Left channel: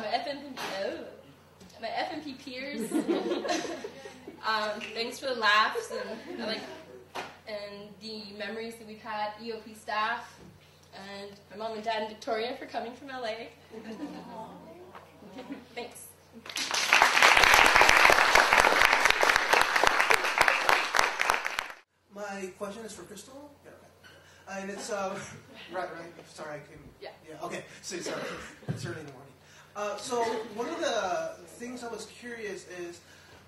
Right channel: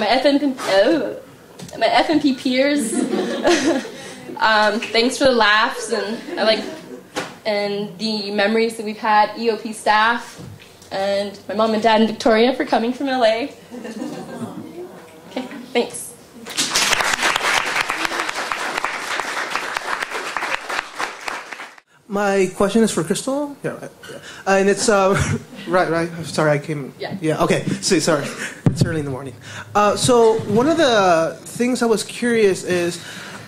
my FNP peers. Thanks for the laughs and the memories that we've had, EOP staff, and my mom and dad and Victoria for coming from LA. Okay, thanks. My question is for Crystal. Yeah, and it's right. I'm sorry, I came. Yeah. Okay. Sorry, it's early in the morning. So one of the things I was curious is,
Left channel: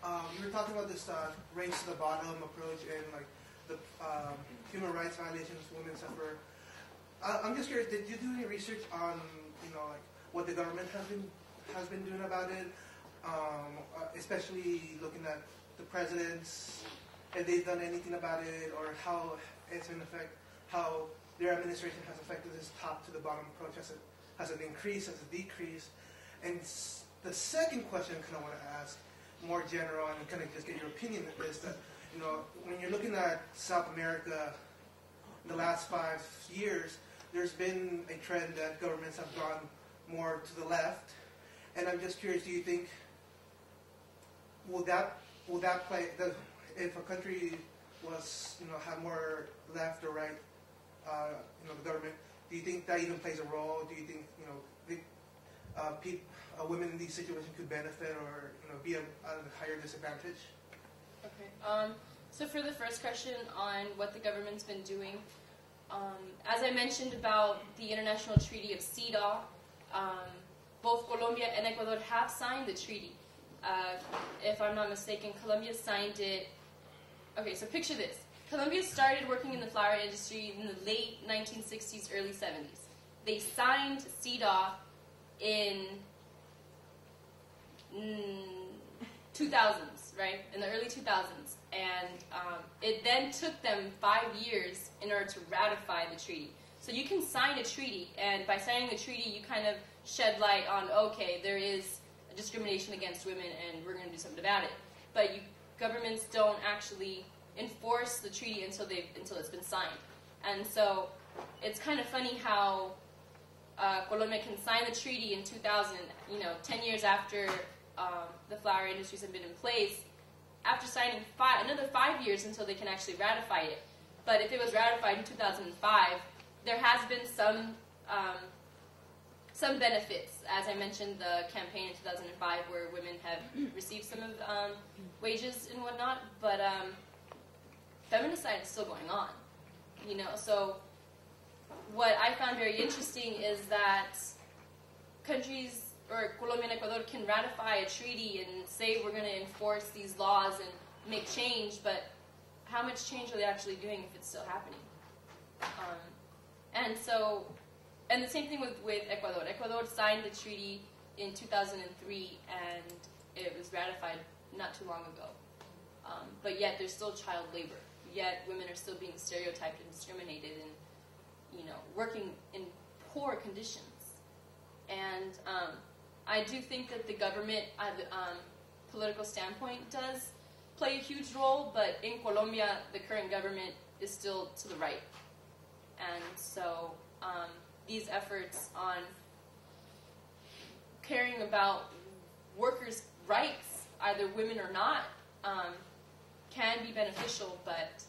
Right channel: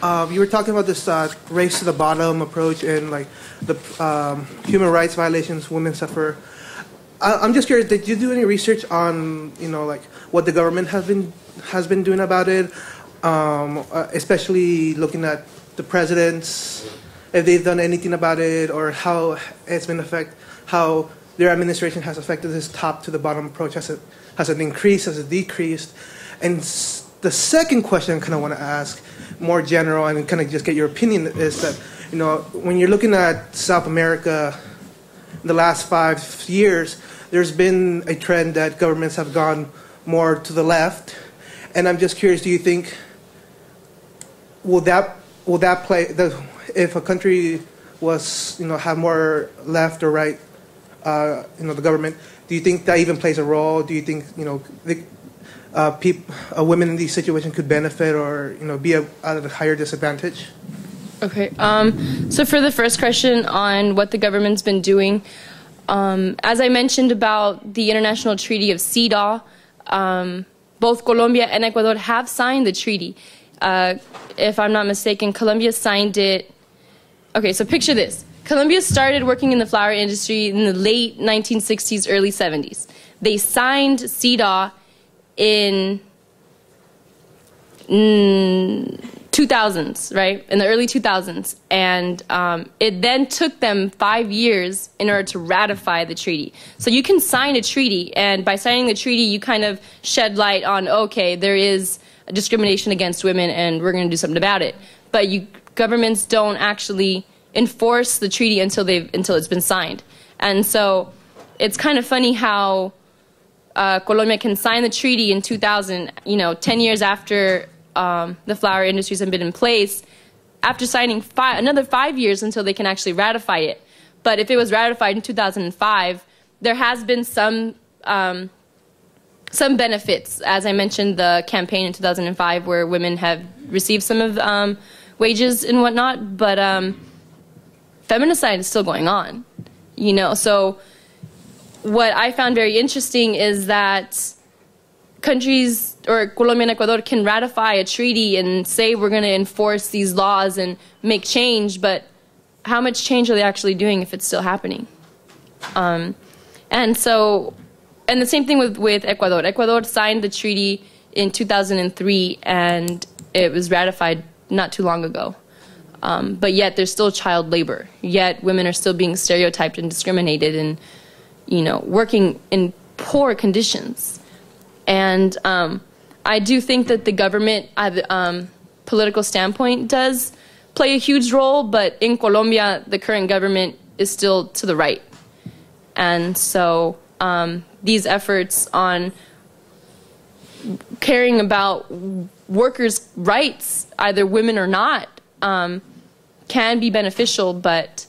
you were talking about this race to the bottom approach and like the human rights violations women suffer. I'm just curious. Did you do any research on like what the government has been doing about it, especially looking at the presidents? If they've done anything about it, or how it's been how their administration has affected this top to the bottom approach. Has it increased? Has it decreased? And the second question I kind of want to ask, more general, and kind of just get your opinion, is that when you're looking at South America, in the last 5 years, there's been a trend that governments have gone more to the left, and I'm just curious, do you think will that play if a country was, have more left or right, the government, do you think that even plays a role? Do you think, women in these situations could benefit or, be at a higher disadvantage? Okay. So for the first question on what the government's been doing, as I mentioned about the International Treaty of CEDAW, both Colombia and Ecuador have signed the treaty. If I'm not mistaken, Colombia signed it. Okay, so picture this. Colombia started working in the flower industry in the late 1960s, early 70s. They signed CEDAW in 2000s, right? In the early 2000s. And it then took them 5 years in order to ratify the treaty. So you can sign a treaty, and by signing the treaty, you kind of shed light on, okay, there is discrimination against women, and we're going to do something about it. But governments don't actually enforce the treaty until it's been signed. And so it's kind of funny how Colombia can sign the treaty in 2000, 10 years after the flower industries have been in place, after signing another 5 years until they can actually ratify it. But if it was ratified in 2005, there has been some benefits. As I mentioned, the campaign in 2005 where women have received some of wages and whatnot, but feminicide is still going on, So what I found very interesting is that countries, or Colombia and Ecuador, can ratify a treaty and say we're going to enforce these laws and make change, but how much change are they actually doing if it's still happening? And the same thing with Ecuador. Ecuador signed the treaty in 2003, and it was ratified not too long ago. But yet there's still child labor. Yet women are still being stereotyped and discriminated and, working in poor conditions. And I do think that the government, political standpoint, does play a huge role, but in Colombia, the current government is still to the right. And so these efforts on caring about workers' rights, either women or not, can be beneficial, but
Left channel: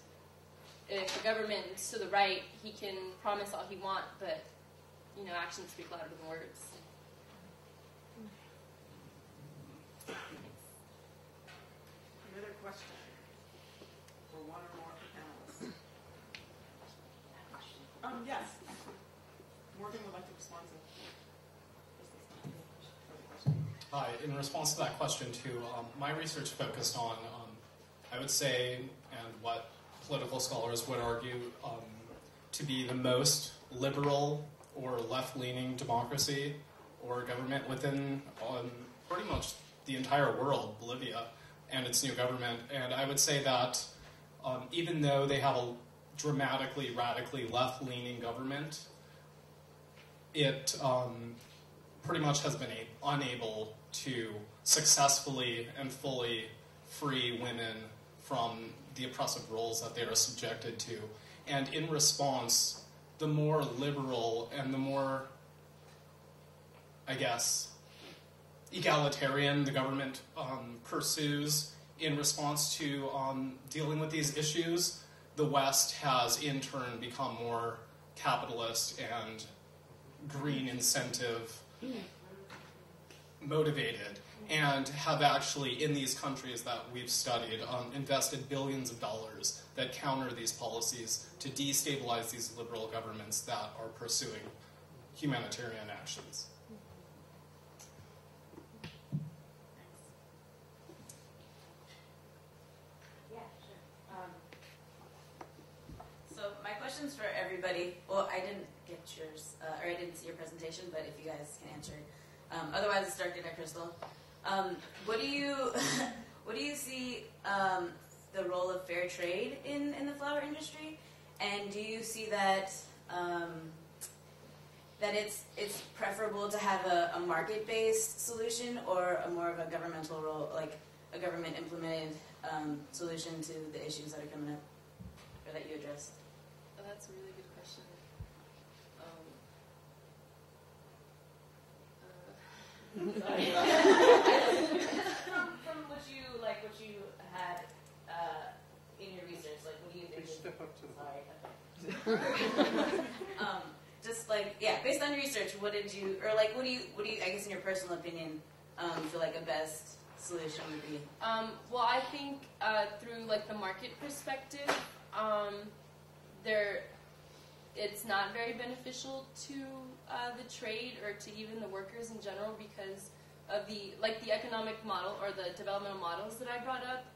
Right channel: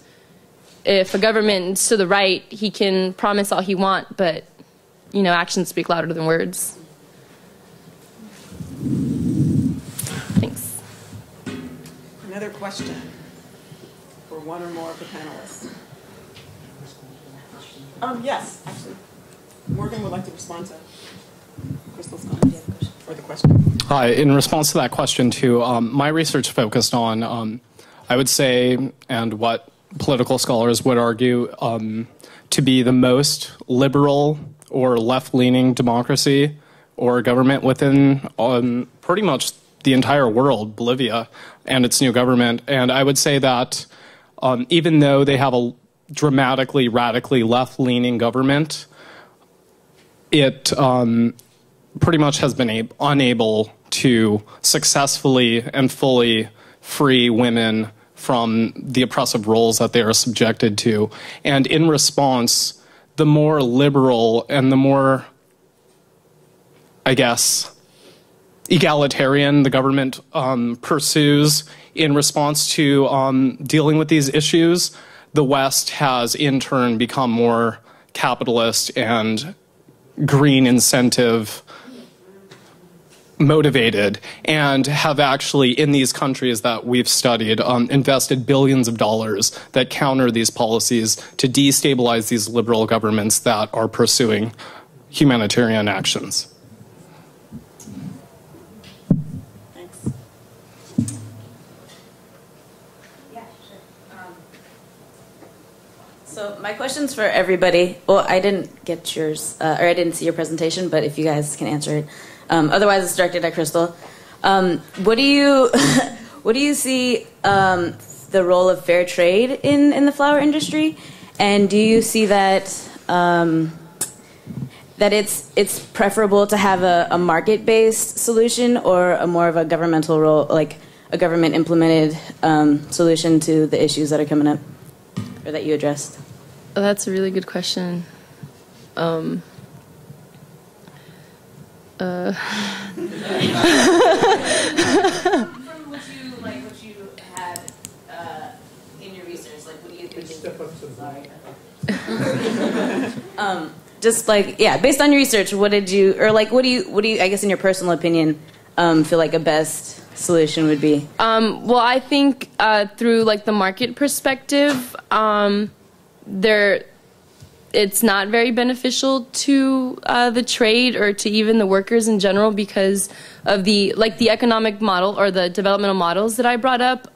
if a government is to the right, he can promise all he wants, but, actions speak louder than words. Thanks. Another question for one or more of the panelists. Yes, actually. Morgan would like to respond to Crystal's comments or the question. Hi, in response to that question too, my research focused on, I would say, and what political scholars would argue, to be the most liberal or left-leaning democracy or government within pretty much the entire world, Bolivia and its new government. And I would say that even though they have a dramatically, radically left-leaning government, it pretty much has been unable to successfully and fully free women from the oppressive roles that they are subjected to. And in response, the more liberal and the more, I guess, egalitarian the government pursues in response to dealing with these issues, the West has in turn become more capitalist and green incentive motivated, and have actually, in these countries that we've studied, invested billions of dollars that counter these policies to destabilize these liberal governments that are pursuing humanitarian actions. Thanks. Yeah, sure. So my question's for everybody. Well, I didn't get yours, or I didn't see your presentation, but if you guys can answer it. Otherwise, it's directed at Crystal. What do you what do you see the role of fair trade in the flower industry, and do you see that that it's preferable to have a market-based solution or a more of a governmental role, like a government-implemented solution to the issues that are coming up or that you addressed? Oh, that's a really good question. From what you had in your research, like what do you think? Just like, yeah, based on your research, what did you, or like, what do you, I guess in your personal opinion, feel like a best solution would be? Well, I think through like the market perspective, it's not very beneficial to the trade or to even the workers in general because of the economic model or the developmental models that I brought up,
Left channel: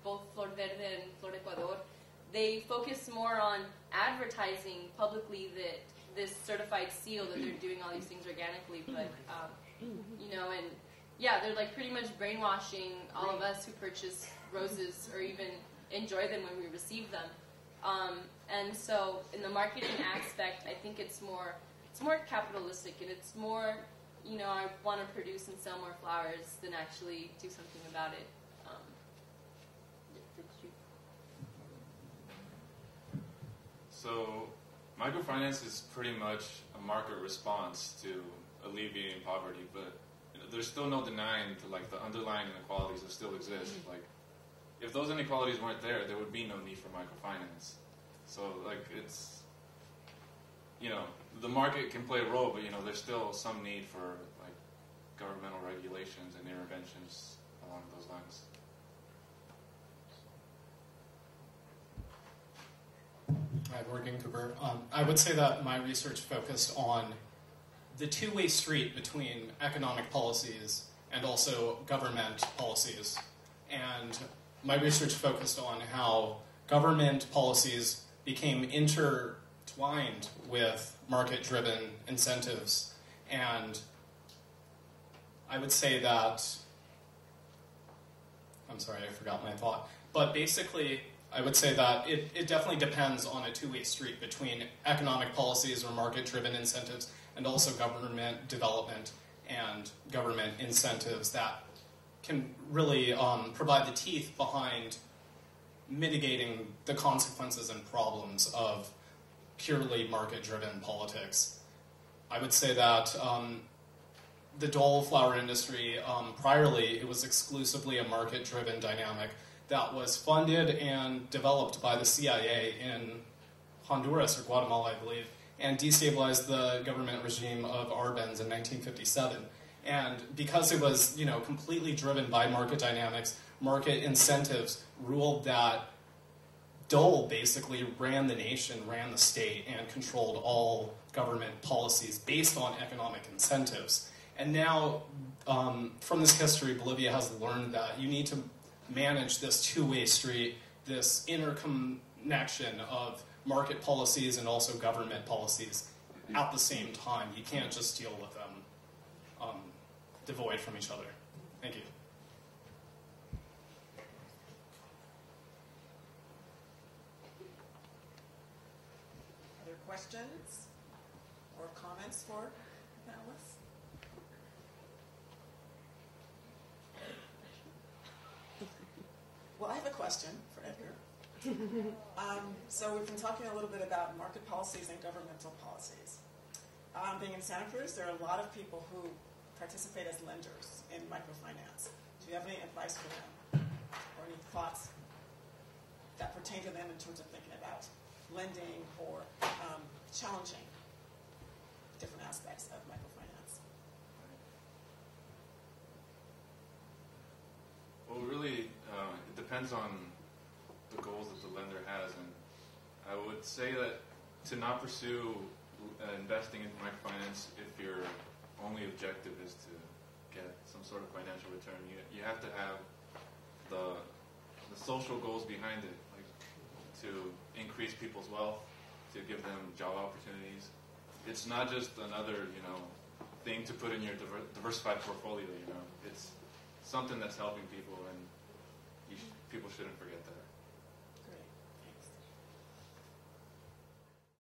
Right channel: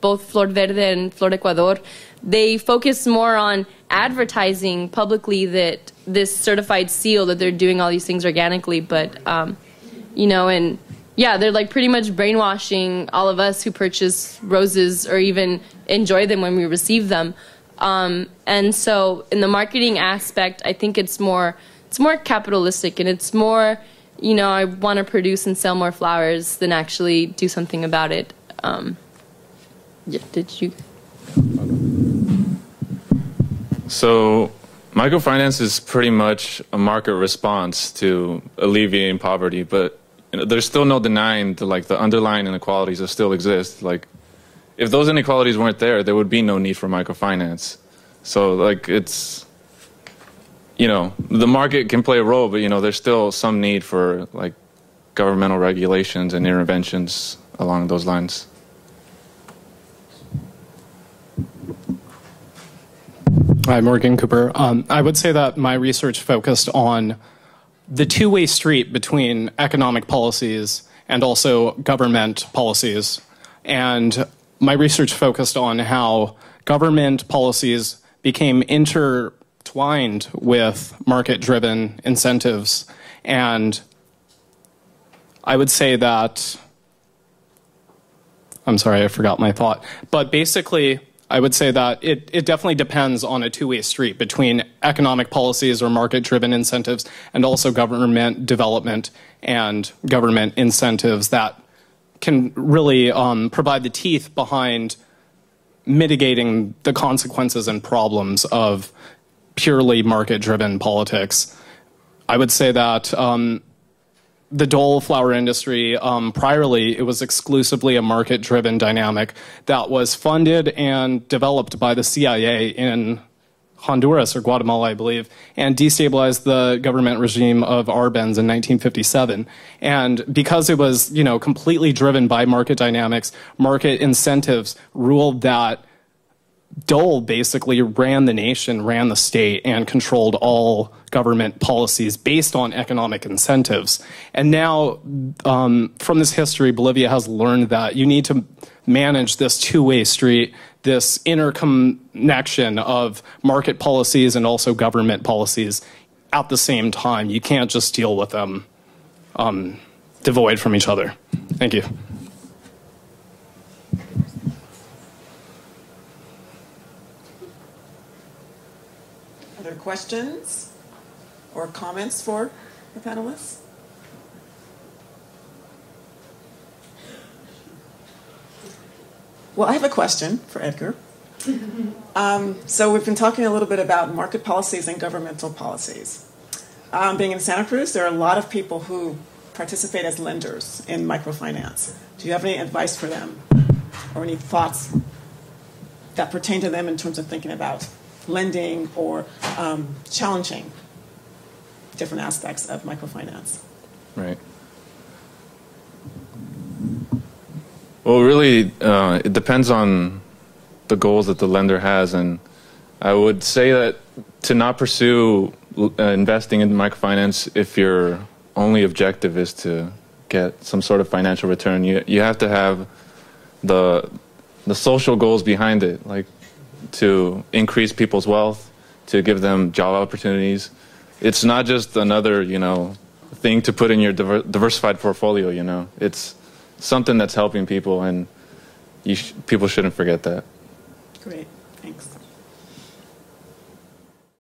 both Flor Verde and Flor Ecuador. They focus more on advertising publicly that this certified seal that they're doing all these things organically, but you know, and yeah, they're like pretty much brainwashing all of us who purchase roses or even enjoy them when we receive them. And so in the marketing aspect, I think it's more capitalistic, and it's more, you know, I want to produce and sell more flowers than actually do something about it. Yeah, did you? So microfinance is pretty much a market response to alleviating poverty, but you know, there's still no denying the underlying inequalities that still exist. Like, if those inequalities weren't there, there would be no need for microfinance. So like it's, you know, the market can play a role, but you know, there's still some need for like governmental regulations and interventions along those lines. Hi, Morgan Cooper. I would say that my research focused on the two-way street between economic policies and also government policies. And my research focused on how government policies became intertwined with market-driven incentives. And I would say that, I'm sorry, I forgot my thought. But basically, I would say that it definitely depends on a two-way street between economic policies or market-driven incentives and also government development and government incentives that can really provide the teeth behind mitigating the consequences and problems of purely market-driven politics. I would say that the Dole flower industry, priorly, it was exclusively a market-driven dynamic that was funded and developed by the CIA in Honduras or Guatemala, I believe, and destabilized the government regime of Arbenz in 1957. And because it was, you know, completely driven by market dynamics, market incentives ruled that Dole basically ran the nation, ran the state, and controlled all government policies based on economic incentives. And now, from this history, Bolivia has learned that you need to manage this two-way street, this interconnection of market policies and also government policies at the same time. You can't just deal with them devoid from each other. Thank you. Other questions or comments for the panelists? Well, I have a question for Edgar. So we've been talking a little bit about market policies and governmental policies. Being in Santa Cruz, there are a lot of people who participate as lenders in microfinance? Do you have any advice for them or any thoughts that pertain to them in terms of thinking about lending or challenging different aspects of microfinance? Right. Well, really, it depends on the goals that the lender has, and I would say that to not pursue investing in microfinance if your only objective is to get some sort of financial return. You have to have the social goals behind it, like to increase people's wealth, to give them job opportunities. It's not just another, thing to put in your diversified portfolio. It's something that's helping people, and people shouldn't forget that. Great.